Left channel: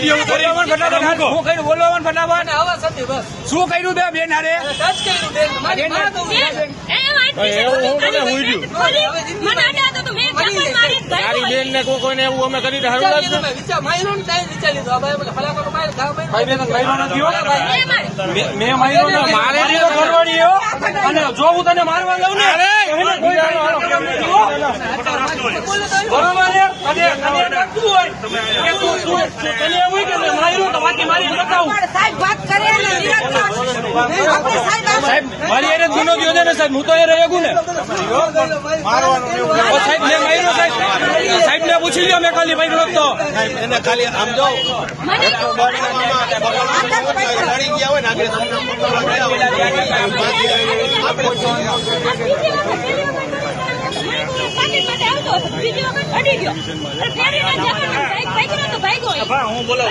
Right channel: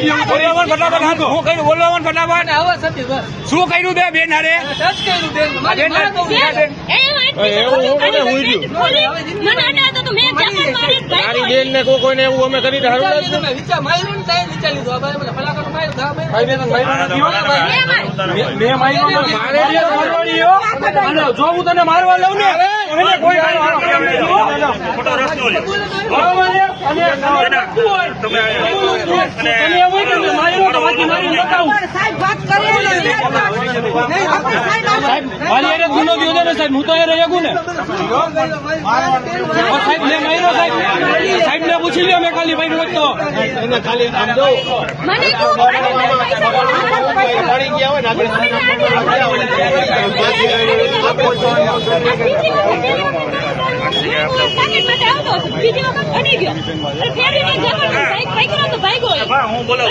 video ફટાફટ શું કર્યું બોલો ફટાફટ શું કર્યું તે બેન હારે બેન ને કોઈને એવું અમે કરી જો હું તને મારવા લઉં ને મારી ગુનો ગયો ને સાહેબ હું તો એ રહ્યો ને સાહેબ મેં માર્યો સાહેબ ને પૂછી લ્યો મેં ખાલી ભાઈ તો એને ખાલી આમ જો હું બોલો